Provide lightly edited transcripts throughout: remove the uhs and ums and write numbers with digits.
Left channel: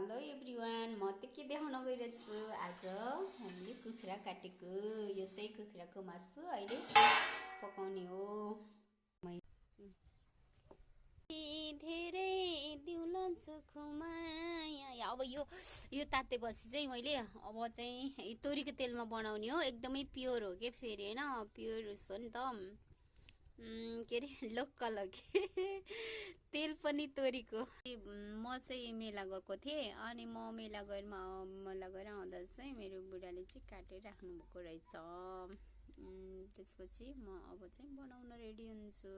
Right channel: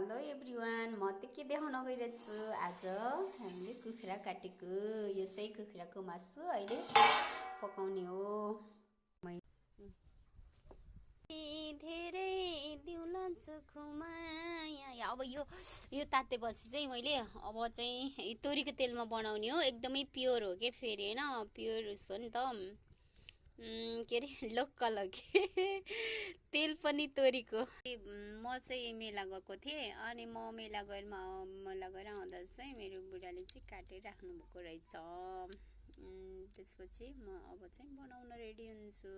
Hello everyone, म त के देखाउन गइरहेछु आज हामीले कुखुरा काटेको। यो चाहिँ कुखुराको मासु अहिले पकाउने हो। धेरै दिउलान्छु खुमाया। अब यो तातेपछि चाहिँ मैले अब चाहिँ तोरीको तेलमा बनाउने हो। एकदमै प्योर हो के फेरि हैन, प्योर हो नि त। के अरे लोकल हो कि तेल पनि तोरीको। म चाहिँ मेला गएको थिएँ अनि म मेला गएर आउँदा चाहिँ मेरो बुढाले चाहिँ काटेर राख्नु भएको रहेछ। त्यसपछि म अब चाहिँ बनाउन रेडी हुन्छु।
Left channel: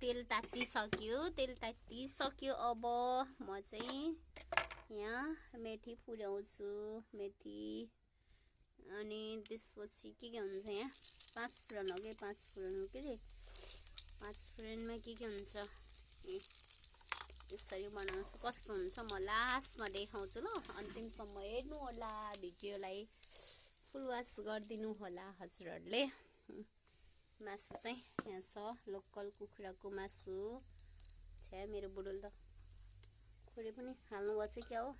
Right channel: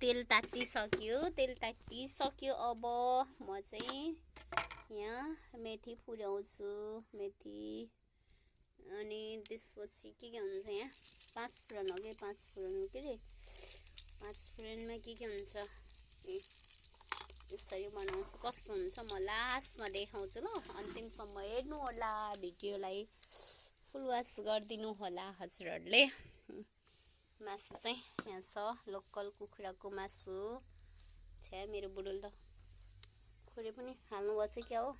तेल तातिसक्यो। अब म चाहिँ यहाँ मेथी फुराउँछु। मेथी अनि त्यसपछि के हुन्छ यहाँ 5 फुरन हो कि 5 फुरन हो के अरे 5 फुरनमा के हुन्छ यसरी बनाउँछु। कस्तो हुन्छ म लास्टमा देखाउँछु ल। अन्तिमसम्म हेर्नु होला भिडियोलाई, फुल वाच गरिदिनु होला हजुरहरूले। मासु चाहिँ यहाँ छ लोकल कुखुराको मासु। छ्या मेरो बुढोले त खोरे पनि हाल्नु भएको छ क्या हो।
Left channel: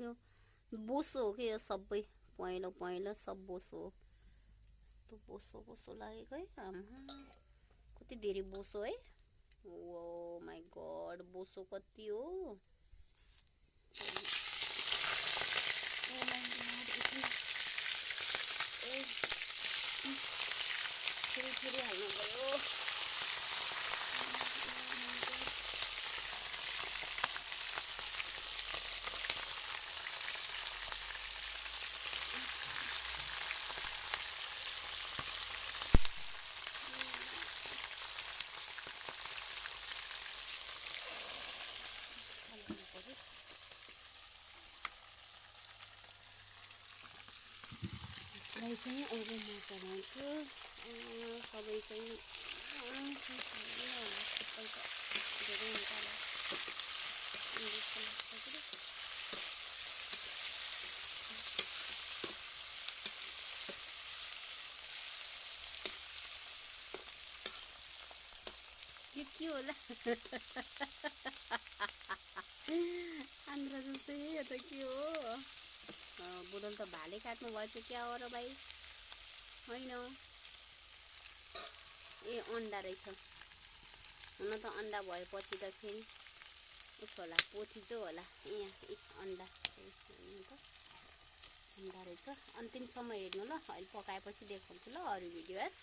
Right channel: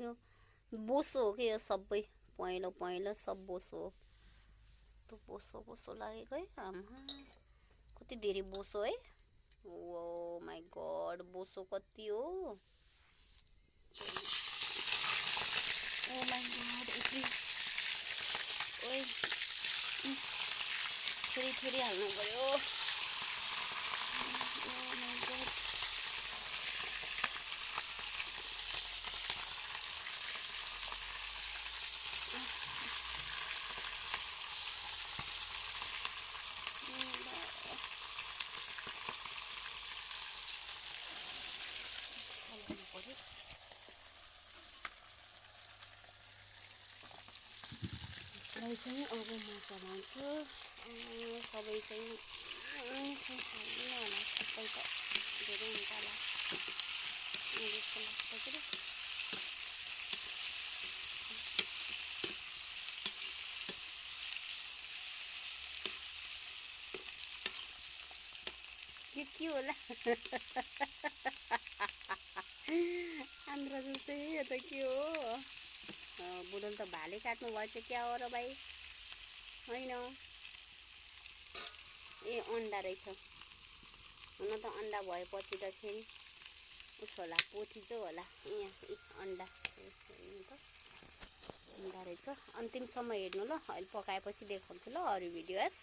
यो बोसो हो कि यो सबै पहेँलो सब बोसो हो। यस्तो बोसो लागेको है। आमा कति धेरै बोसो है। ओ माई गॉड, बोसो कति हो। ओ माई गॉड, थोड़ी हाल्नु पर्यो। यसलाई चाहिँ अब म चलाउँछु। सबै चाहिँ होला सबै त धेरै हुन्छ होला जस्तो लाग्छ कि। यो के होला आन्द्रा जस्तै यो त के हो। बुढोले त भाले काट्नु भएछ क्या हो र भाइ होइन। ए अन्डा रहेछ। हुन त अन्डा भएपछि त फेरि उस होला पोथी चाहिँ होला यहाँ अन्डा अन्डा रहेछ। अन्तिमसम्म हेर्नु ल, अहिले पकाएपछि देखाउँछु ल अरू भिडियोस।